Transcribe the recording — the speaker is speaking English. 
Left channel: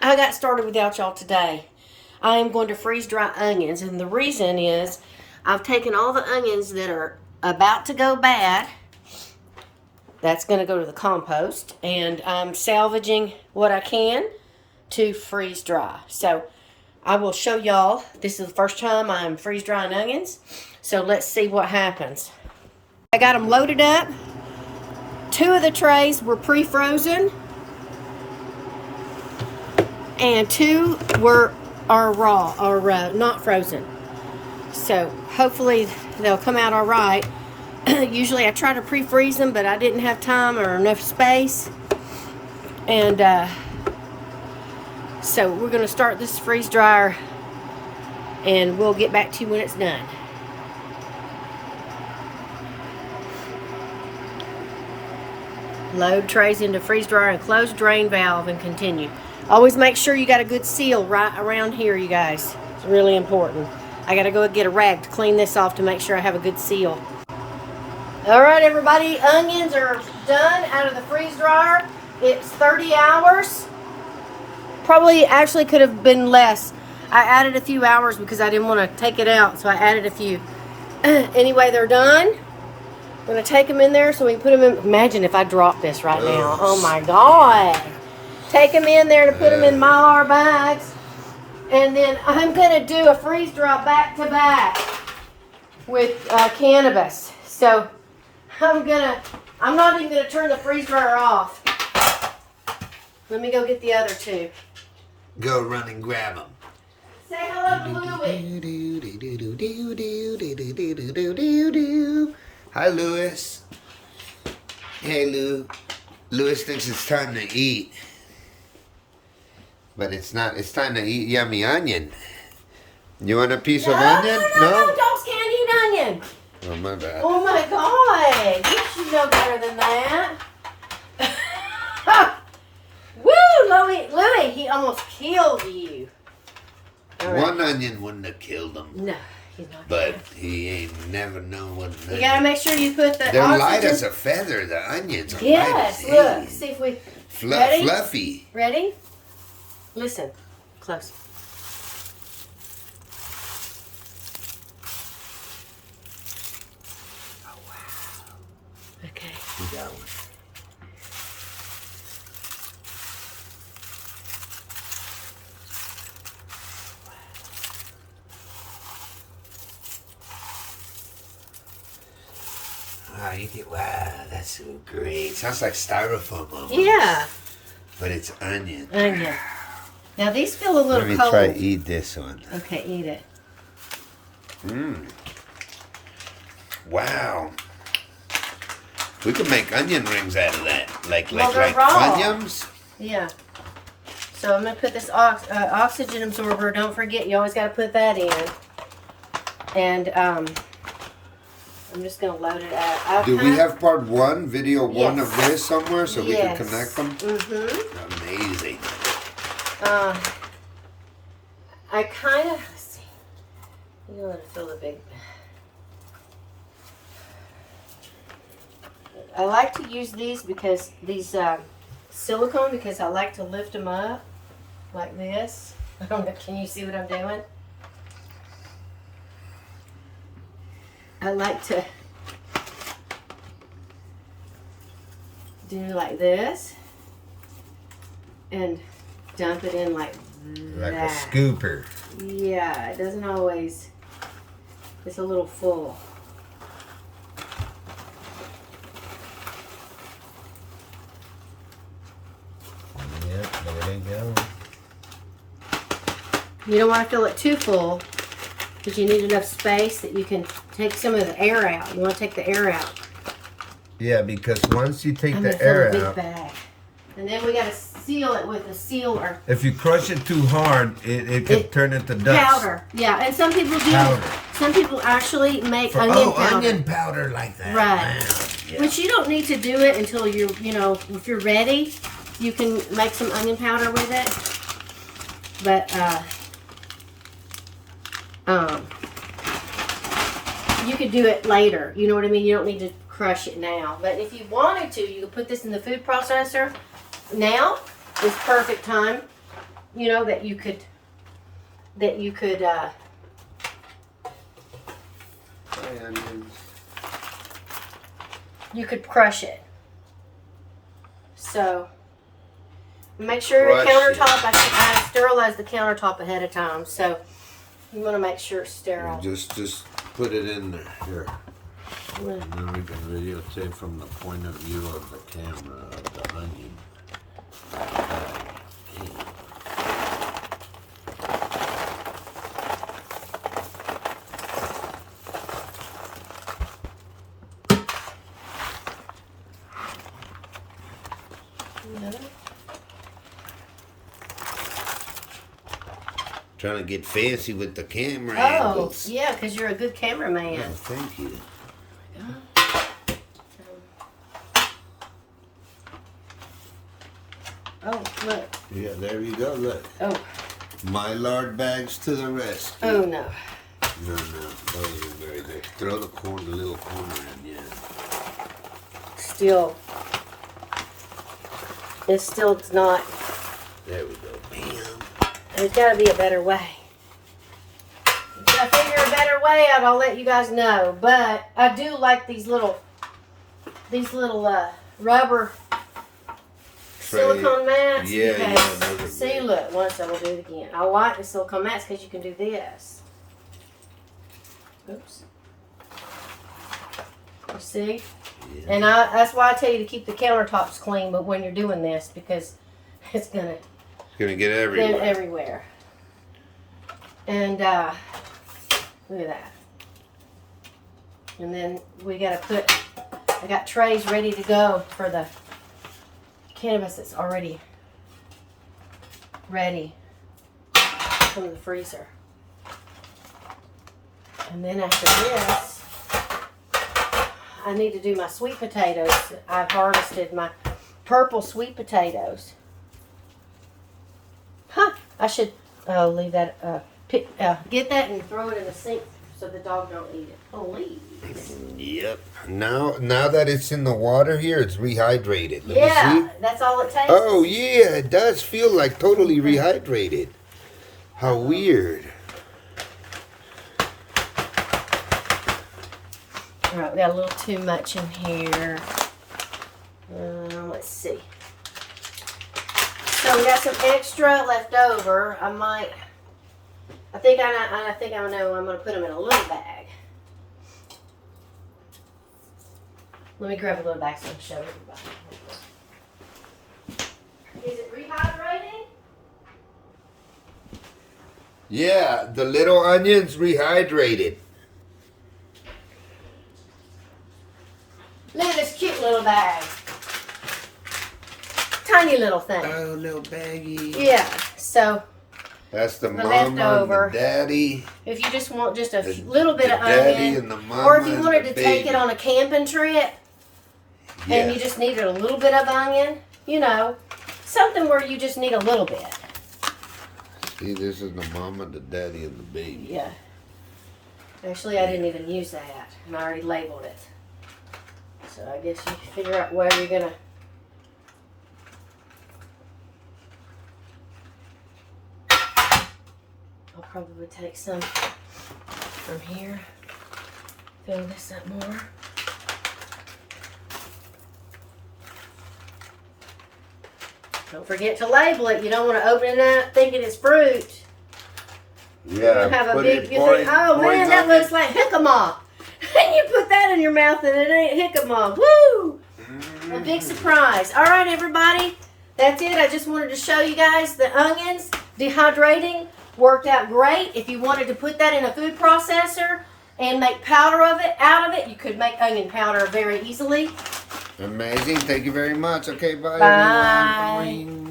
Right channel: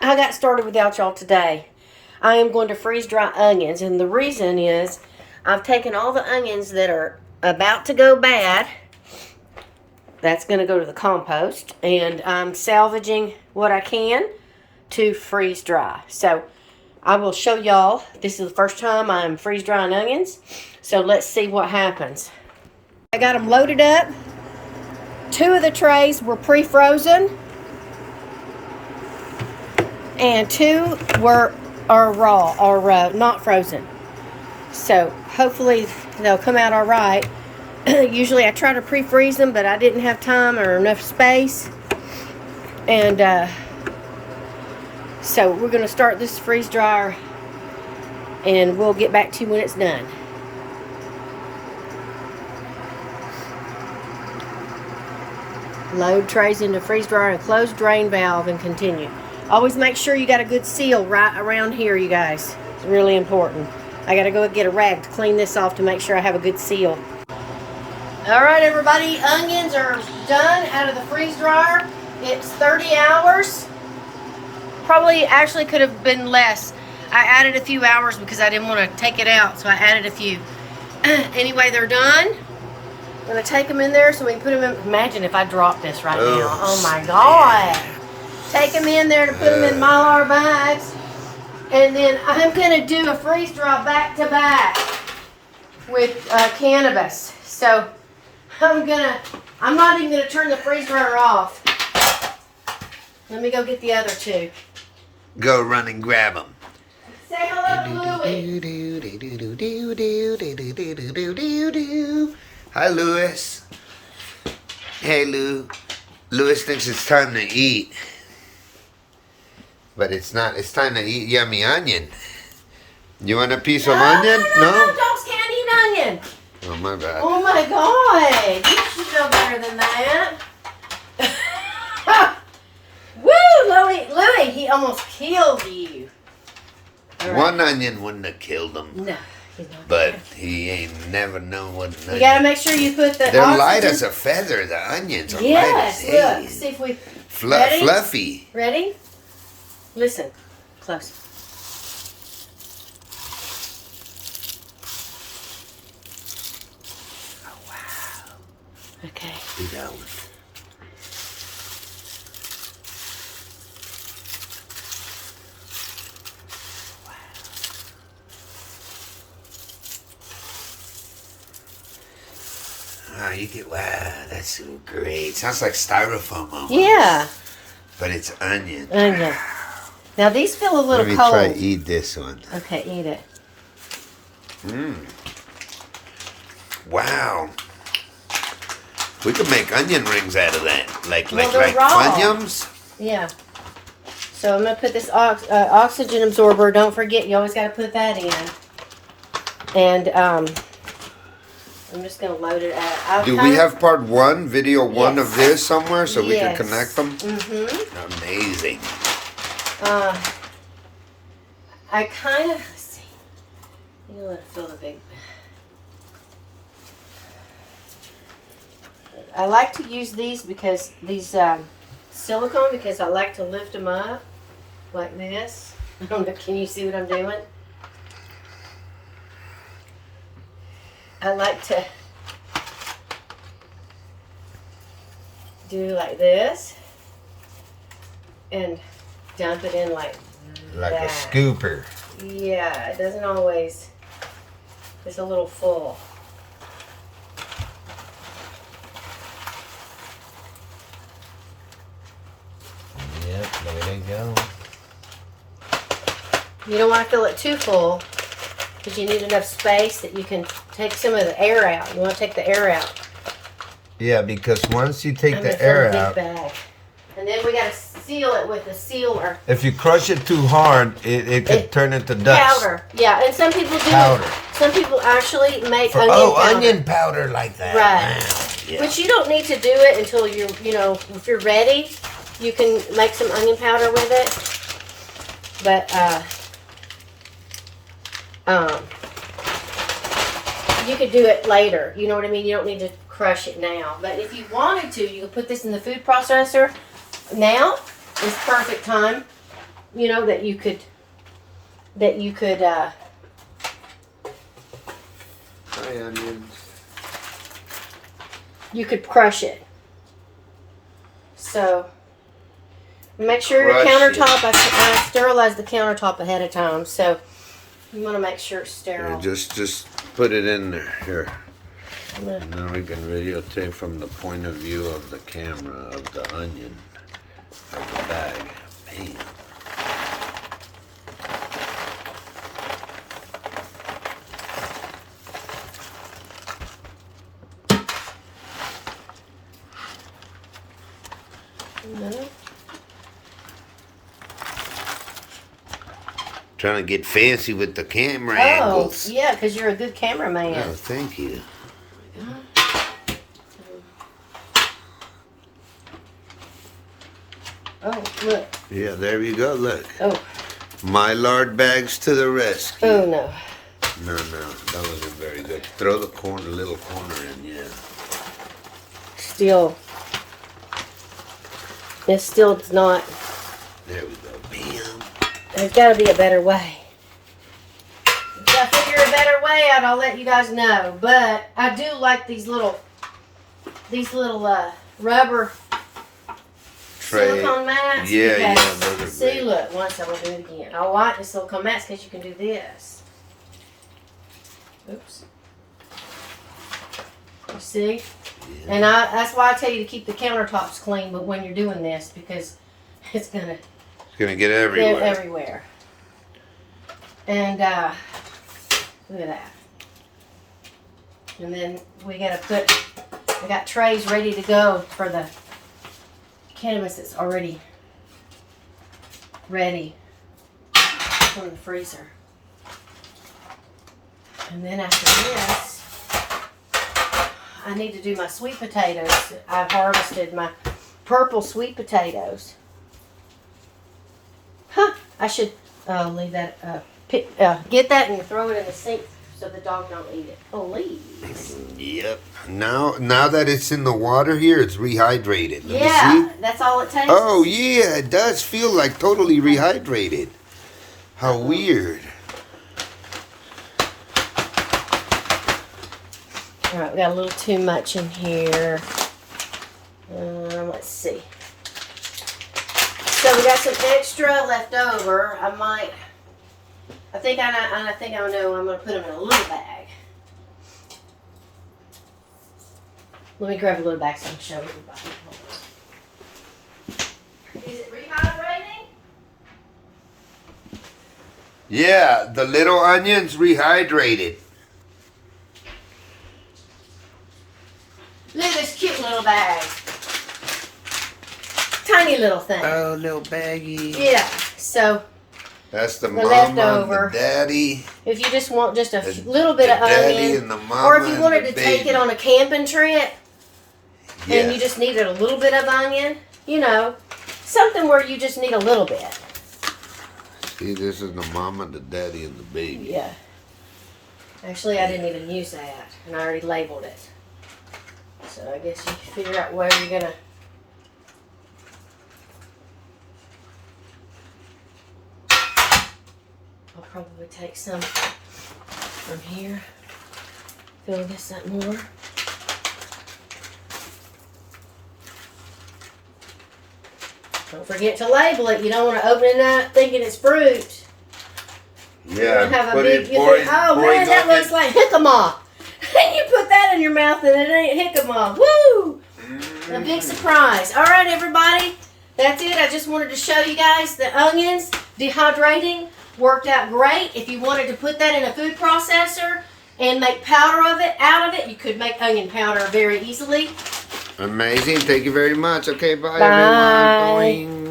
I got started without y'all today. I am going to freeze dry onions, and the reason is I've taken all the onions that are about to go bad. That's going to go to the compost, and I'm salvaging what I can to freeze dry. So I will show y'all. This is the first time I'm freeze drying onions, so let's see what happens. I got them loaded up. 2 of the trays were pre-frozen, and 2 are raw or not frozen. So hopefully they'll come out all right. Usually I try to pre-freeze them, but I didn't have time or enough space. And so we're going to start this freeze dryer, and we'll get back to you when it's done. Load trays into freeze dryer and close drain valve and continue. Always make sure you got a good seal right around here, you guys. It's really important. I got to go get a rag to clean this off to make sure I have a good seal. All right, everybody, onions are done out of the freeze dryer. It's 30 hours. Probably actually could have been less. I added a few hours because I didn't want to take it out, so I added a few. Anyway, they're done. I'm going to take them in there so we can put them in. Imagine if I drop this right now. Oh my God. Take them in there to put them in Mylar bags. And then I'm going to do a freeze dry back to back with cannabis. So I'm not even going to turn the freeze dryer off. Let me go get the other 2. Go run and grab them. Say hello to Louie. Hi, Louis. Hey, Lou. Louis thinks it's time to eat. But it's not. It's time to eat yummy onion. You want a piece of onion? No? Dogs can't eat onion. Oh, my bad. Oh, my God. You should know better than that. Woo, Louie, he almost killed you. Right. One onion wouldn't have killed him. No, he's not. But he ain't never known what an onion. You gotta make sure you put the They're oxygen. Light as a feather, the onions are Yes, light as hay. look, see if we... Ready? Fluffy. Ready? Listen, close. Oh, wow. Okay. We got one. Wow, you get, wow, that's so great. Sounds like styrofoam almost. Yeah. But it's onion. Onion. Now these feel a little cold. Let me try eat this one. Okay, eat it. Wow. We could make onion rings out of that. Like raw. Funyuns. Yeah. So I'm going to put this oxygen absorber. Don't forget, you always got to put that in. And I'm just going to load it out. Do we have part 1, video 1 Yes. of this somewhere so we can Yes. connect them? Mm-hmm. Amazing. I kind of, let's see. You know, let it fill the big. I like to use these because these silicone, because I like to lift them up like this. I don't know, can you see what I'm doing? I like to do like this and dump it in like Like that. a scooper. Yeah, it doesn't always, it's a little full. Yep, there you go. You don't want to fill it too full because you need enough space that you can take some of the air out. You want to take the air out. Yeah, because once you take I'm the gonna fill air a big out, bag. And then we got to seal it with a sealer. if you crush it too hard, it could turn into dust. Powder. Yeah, and some people do. Powder. Some people actually make onion powder. Onion powder like that. Right. Wow. Yeah. Which you don't need to do it until you're, if you're ready, you can make some onion powder with it. But, you could do it later. You know what I mean? You don't need to crush it now. But if you wanted to, you could put this in the food processor. Now is perfect time you know, that you could you could crush it. So make sure your countertop, I sterilized the countertop ahead of time, so you want to make sure it's sterile. Yeah, just put it in there. Here. And then we can videotape from the point of view of the camera of the onion of the bag. Man. Trying to get fancy with the camera angles. Yeah, because you're a good cameraman. Oh, thank you. Oh, look. Yeah, there you go. Look. Oh. My lard bags to the rescue. Oh, no. No, that wasn't very good. Throw the little corner in, yeah. Still. It's not. There we go. Bam. There's got to be a better way. If I figure a better way out, I'll let you guys know. But I do like these little rubber Tray. silicone mats. Yeah, because, yeah, those are see, great. look, once I'm going to do it again. I like the silicone mats because you can do this. Oops. You see? Yeah. And that's why I tell you to keep the countertops clean, but when you're doing this, because it's going to Gonna get everywhere. they're everywhere. And look at that. And then we gotta I got trays ready to go for the cannabis that's already ready from the freezer. And then after this, I need to do my sweet potatoes. I've harvested my purple sweet potatoes. Huh, I should leave that, get that and throw it in the sink so the dog don't eat it. Oh, leaves. Yep. Now that it's in the water here, it's rehydrated. Let me see. That's all it takes. Oh, yeah, it does feel like totally rehydrated. How weird. All right, we got a little too much in here. Let's see. So we got some extra left over. I think I know. I'm going to put them in a little bag. Let me grab a little bag so I can show everybody. Is it rehydrating? Yeah, the little onions rehydrated. Look at this cute little bag. Tiny little thing. Oh, little baggie. Yeah, so That's the mama leftover. and the daddy. if you just want just a little bit of daddy onion, and the mama or if you and wanted the to take it baby. on a camping trip, Yeah. and you just needed a little bit of onion, you know, something where you just need a little bit. See, this is the mama, the daddy, and the baby. Yeah. Actually, I didn't even use that, and I already labeled it. So I guess you can figure out where you're gonna. I'll probably take some from here. Fill this up more. Don't forget to label it. You don't want to open it up thinking it's fruit. Yeah. You have a put big. it- You pour think, it- oh pour man, it that on looks it. like jicama. And you put that in your mouth and it ain't jicama. Woo! A big surprise. All right, everybody. That's it. I just wanted to show you guys the onions dehydrating worked out great. If you wanted to put that in a food processor and make powder out of it, you could make onion powder very easily. Amazing. Thank you very much. Okay, bye. Bye. Everyone. Boing.